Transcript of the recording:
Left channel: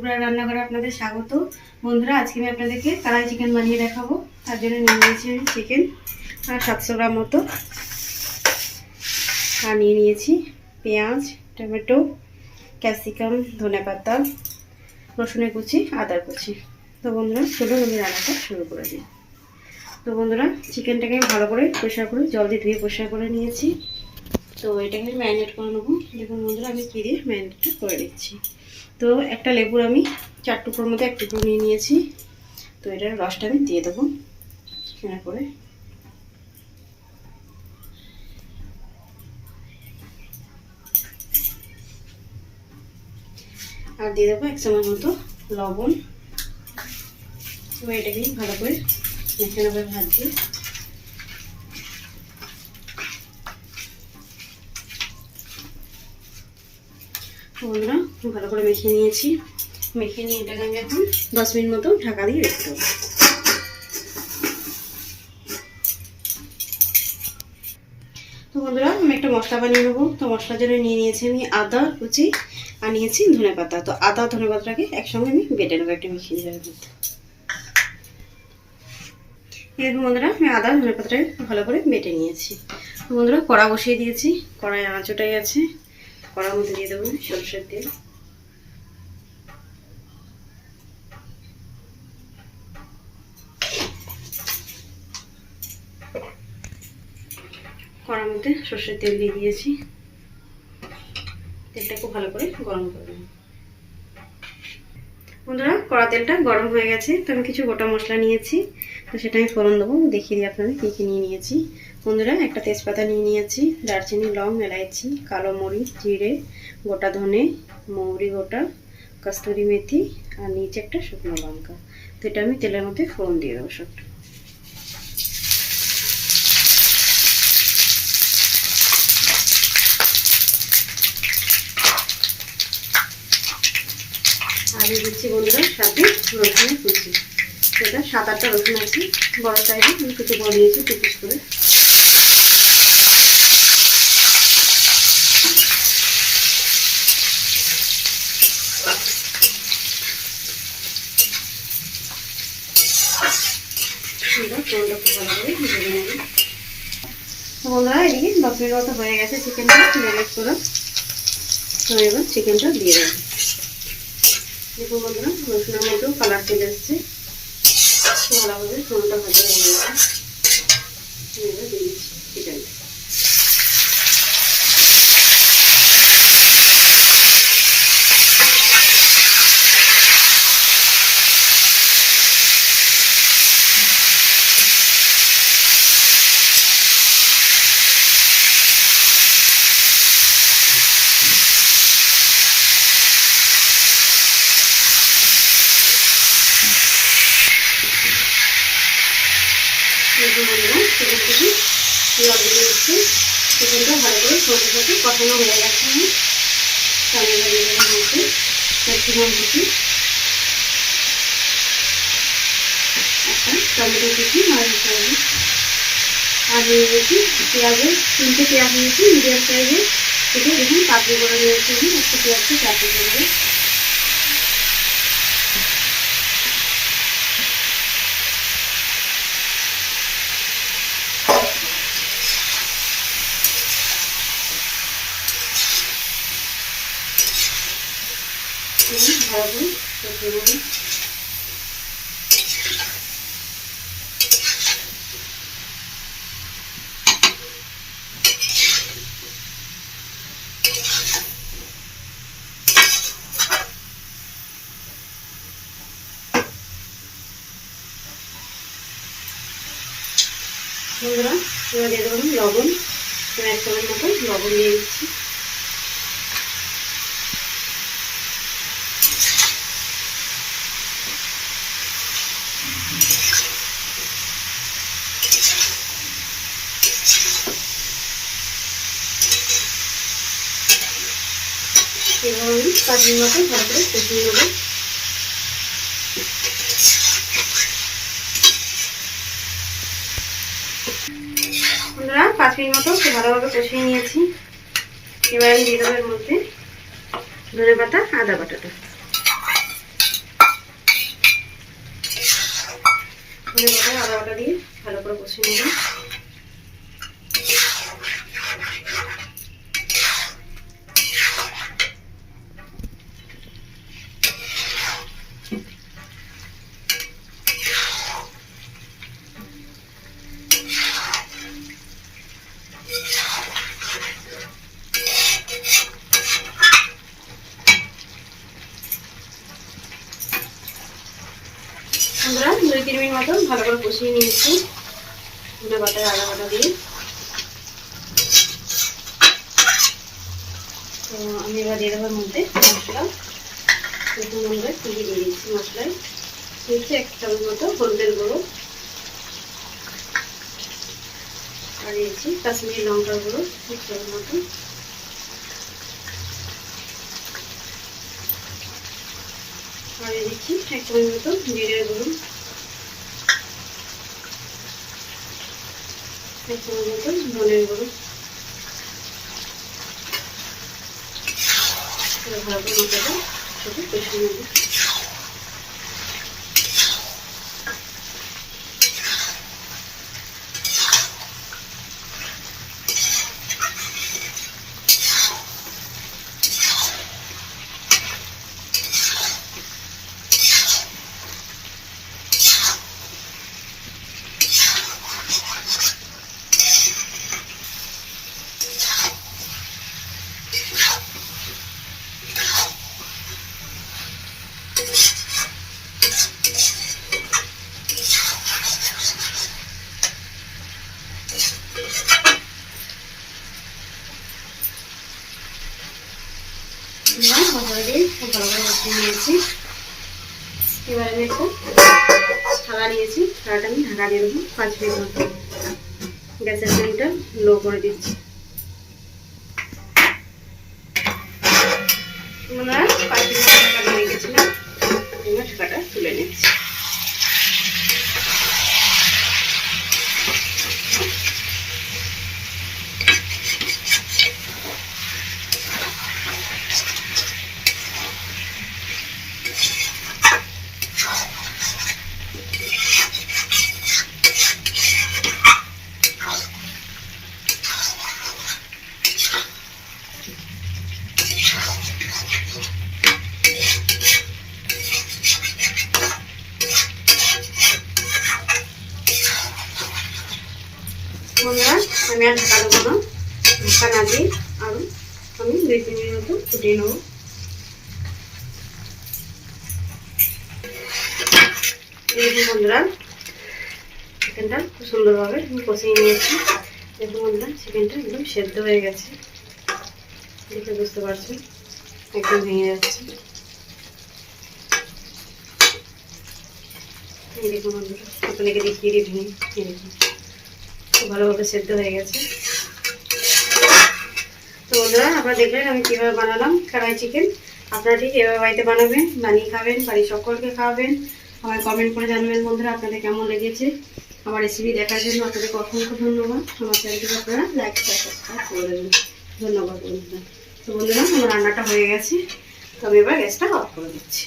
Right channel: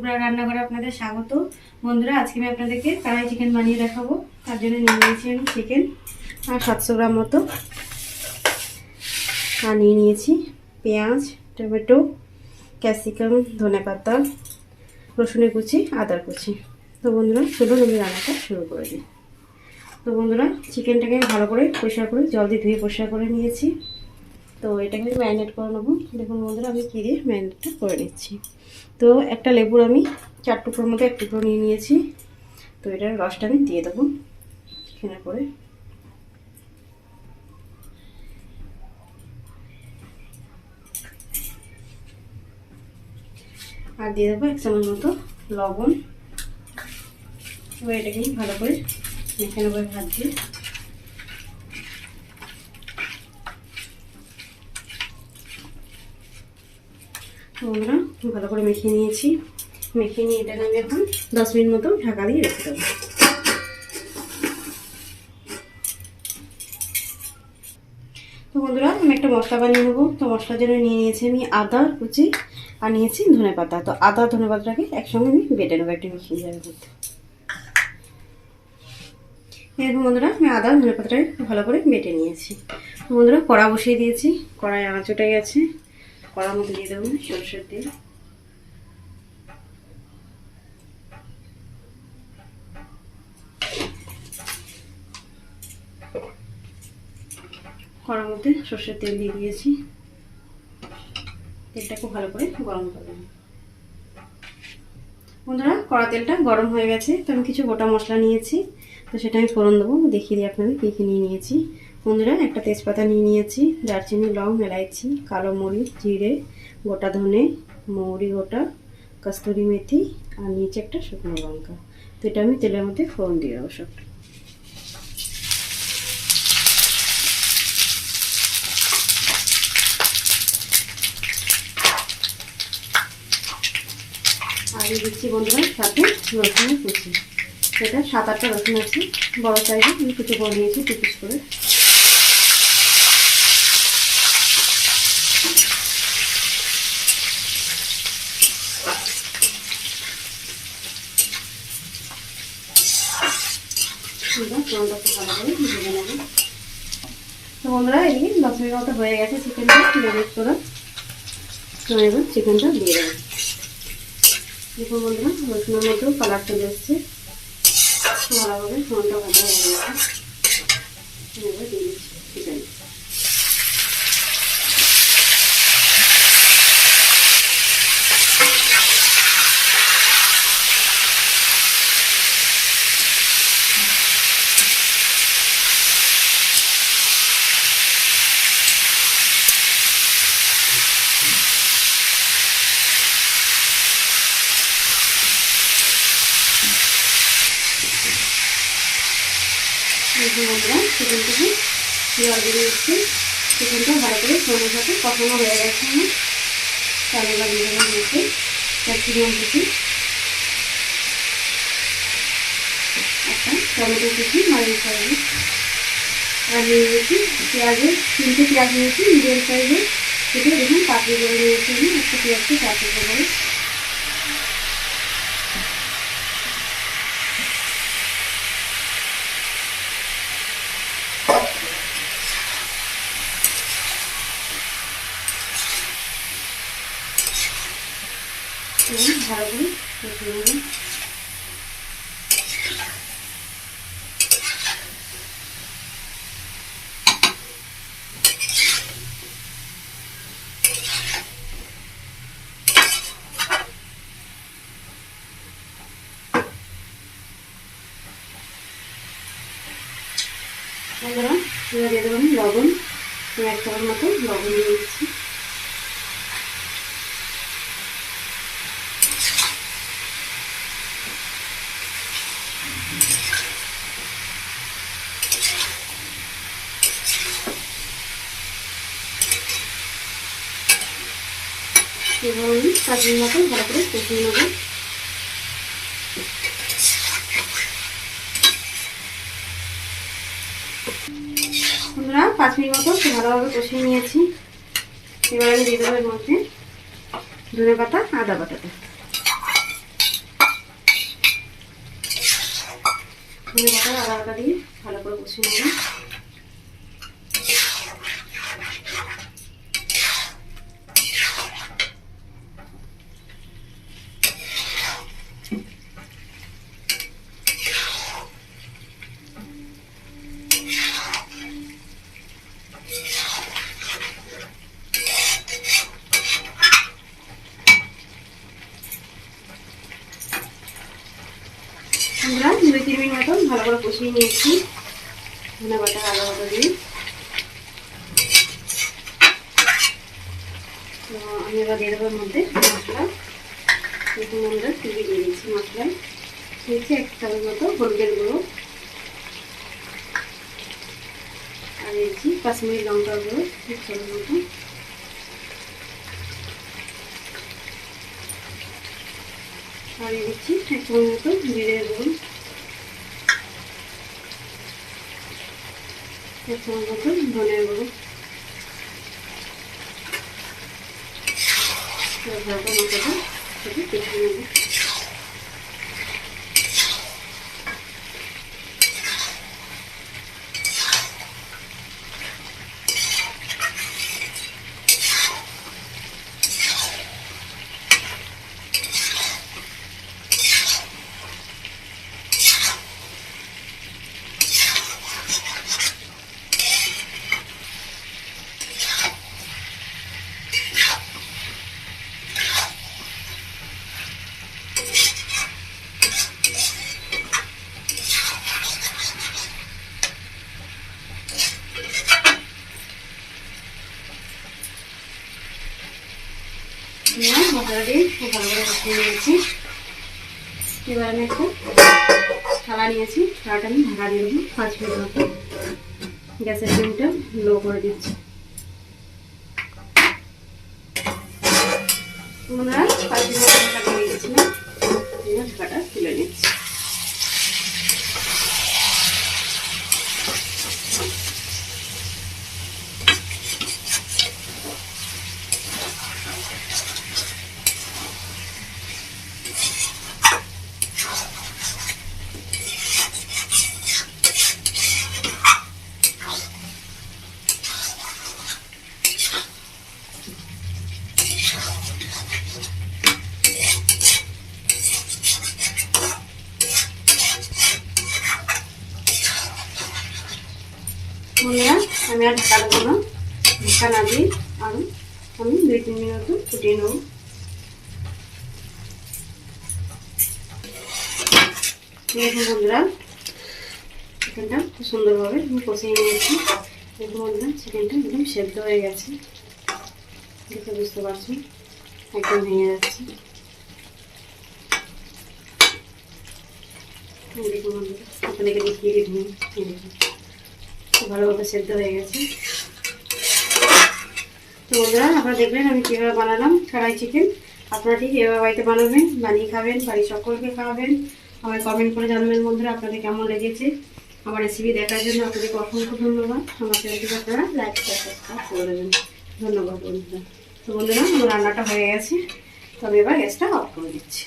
Supra রান্নাঘরে আপনাদের স্বাগত। বন্ধুরা, আজকে আমি আপনাদেরকে কড়াই চিকেন বানিয়ে দেখাবো। তার জন্য নিয়ে নিয়েছি আমি চিকেন আর 700 গ্রাম মতো, আর নিয়ে নিয়েছি পেঁয়াজ, টমেটো, ক্যাপসিকাম, ধনেপাতা, রসুনের কুচি, আদার কুচি। তো বন্ধুরা, চলুন আমি রান্নাটা শুরু করে দিই। তো বন্ধুরা, চিকেনটাকে ভালো করে পরিষ্কার করে জল দিয়ে ধুয়ে পরিষ্কার করে নিয়েছি। তো এটাকে ম্যারিনেট করে নেবো। দেখুন বন্ধুরা, আমি কী দিয়ে ম্যারিনেটটা করে নিচ্ছি। তো একটা লেবুর আমি 4 টুকরোর মধ্যে 1 টুকরো নিয়ে নিয়েছি। তো এটার রসটা আমি দিয়ে দেবো এখানে করে। আর দিয়ে দেবো 1 চামচ মতো লবণ। এবার এটাকে ভালো করে মেখে নেবো হাত দিয়ে। বন্ধুরা, ভালো করে মেখে নিয়েছি। মেখে নিয়ে এটাকে আমি এখন 10 মিনিট মতো ঢাকা দিয়ে রেখে দেবো। তো বন্ধুরা, আমি একটা মশলা বানিয়ে নেবো। তো মশলার জন্য নিয়ে নিয়েছি আমি আদা কুচি আর নিয়েছি ধনেপাতা। তো আদা ধনেপাতাটাকে একসঙ্গে আমি বেটে নেবো একটা মিক্সিং জারের মধ্যে। এরকম বন্ধুরা, আমি আদা ধনেপাতাটাকে ভালো করে বেটে নিয়েছি। তো বন্ধুরা, কড়া বসিয়ে দিয়েছি। কড়াই আঁচ ওঠাই আছে। কড়ার মধ্যে দিয়ে দেবো সরষের তেল। কড়ার মধ্যে সরষের তেল দিয়ে দিয়েছি। তেলটা খুব ভালো করে গরম করবো। বন্ধুরা, কড়া তেলটা গরম হয়ে গেছে। তো আমি কিছু গোটা মশলা নিয়েছি। তো সেটা আমি ফোড়ন দেবো। দেখিয়ে দিই আপনাদের কী কী নিয়ে নিয়েছি। বন্ধুরা, একটা তেজপাতা নিয়ে নিয়েছি, দারচিনি, লং, এলাইচি, কালো মরিচ, জিরে, গোটা ধনে, মৌরি গোটা, কস্তুরি মেথি, আর নিচে একটা শুকনো লঙ্কা। তো এটা আমি তেলের মধ্যে ফোড়ন দিয়ে দেবো সবটা। আর দিচ্ছি বন্ধুরা সাথে রসুনের কুচি। এটা 7-8টা রসুন আছে, বড় সাইজে আমি কুচি করে দিয়েছি 2 পিস করে। বন্ধুরা, এদিকে 10 মিনিট মতো হয়ে গেছে চিকেনটা ম্যারিনেট করে। তো এবার চিকেনটা দিয়ে দেবো। দেখুন বন্ধুরা, রসুনের মধ্যেও কালার চলে এসছে। ভালোভাবে ফোনটা ভালো হয়ে গেছে। এবার দিয়ে দিচ্ছি চিকেনটা। বন্ধুরা, চিকেনটাকে জল দিয়ে দিচ্ছি। চিকেনটা ভালো করে সবজির সাথে কষানো হয়ে গেছে। আমি চালিয়ে দিয়ে দেবো মধ্যে ক্যাপসিকাম কুচি, একটা টমেটো কুচি মাঝারি সাইজে, আর দিয়ে দিয়েছি পেঁয়াজের 3টে পেঁয়াজ নিয়েছি মিডিয়াম সাইজে। সেটা দেখুন পাতলি করে নিয়েছি আমি একটা পেঁয়াজকে পাতলি করে। ভালো করে কষিয়ে নেব। বন্ধুরা, এবার দিয়ে দেবো লবণ। 1 চামচ মতো লবণ দিয়ে দিচ্ছি। এবার আমি 5 মিনিট মতো ভালো করে কষিয়ে নেবো। বন্ধুরা, 5 মিনিট মতো ভালোভাবে কষিয়ে নিয়েছি। এবার আমি দিয়ে দেবো এর মধ্যে ধনেপাতা, আদা বাটাটা। ধনে বাটা আদা বাটা দিয়ে ভালো করে কষিয়ে নেব। আমরা 2-3 মিনিট মতো ভালো করে কষিয়ে নিয়েছি ধনে বাটা আদা বাটা দিয়ে। তো আমি এবার দিয়ে দেবো মধ্যে মশলা। দেখুন আমরা কী দিয়ে দিয়েছি মশলায় দিয়েছি 1 চামচ মতো হলুদের গুঁড়ো, আর দিয়েছি কাশ্মীরি লঙ্কার গুঁড়ো 1 চামচ মতো, আর দিচ্ছি 1 চামচ মতো জিরের গুঁড়ো, 1 চামচ মতো ধনের গুঁড়ো। ভালো করে মশলাটা সাথে কষিয়ে নেব। মশলা দিয়ে ভালো করে কষিয়ে নিয়েছি। এবার আমি একটা থালা নিয়েছি, থালাটা আমি ঢাকা দিয়ে দেবো 5 মিনিট মতো। গ্যাসের ফ্লেমটা লো করে দিচ্ছি। আমরা 5 মিনিট ঢাকা দিয়ে গেছিলাম, এবার ঢাকাটা তুলে নিচ্ছি। বন্ধুরা আমি আর ঢাকা দেবো না, ঢাকা না দিয়ে আরও আমি 2-3 মিনিট মতো ফুটিয়ে নেব। দেখুন বন্ধুরা চিকেনটা খুব সুন্দরভাবে আমি কষিয়ে নিয়েছি। দেখুন বন্ধুরা চিকেনটা একদম সেদ্ধ হয়ে গেছে, দেখে বুঝতে পারছি একদম ভেঙে যাচ্ছে। দেখুন বন্ধুরা আপনাকে দেখিয়ে দিই ভেঙে, দেখুন ভালোভাবে সেদ্ধ হয়ে গেছে। তো বন্ধুরা আপনারা দেখলেন আমি কীভাবে বানালাম কড়াই চিকেন। আপনারা ঠিক এভাবে বাড়িতে বানাবেন, বানিয়ে খাবেন, বাড়ির সকলকে খাওয়াবেন। আমায় কমেন্ট করে জানাবেন বন্ধুরা আপনাদের কেমন লেগেছে। আমার রেসিপি দেখার জন্য আপনাদেরকে অসংখ্য ধন্যবাদ। আমার চ্যানেলটিকে আপনারা লাইক সাবস্ক্রাইব করে দেবেন। ধন্যবাদ বন্ধুরা। তো বন্ধুরা আমার রান্নাটা হয়ে গেছে, তো আমি এবার গ্যাসটা অফ করে দিচ্ছি।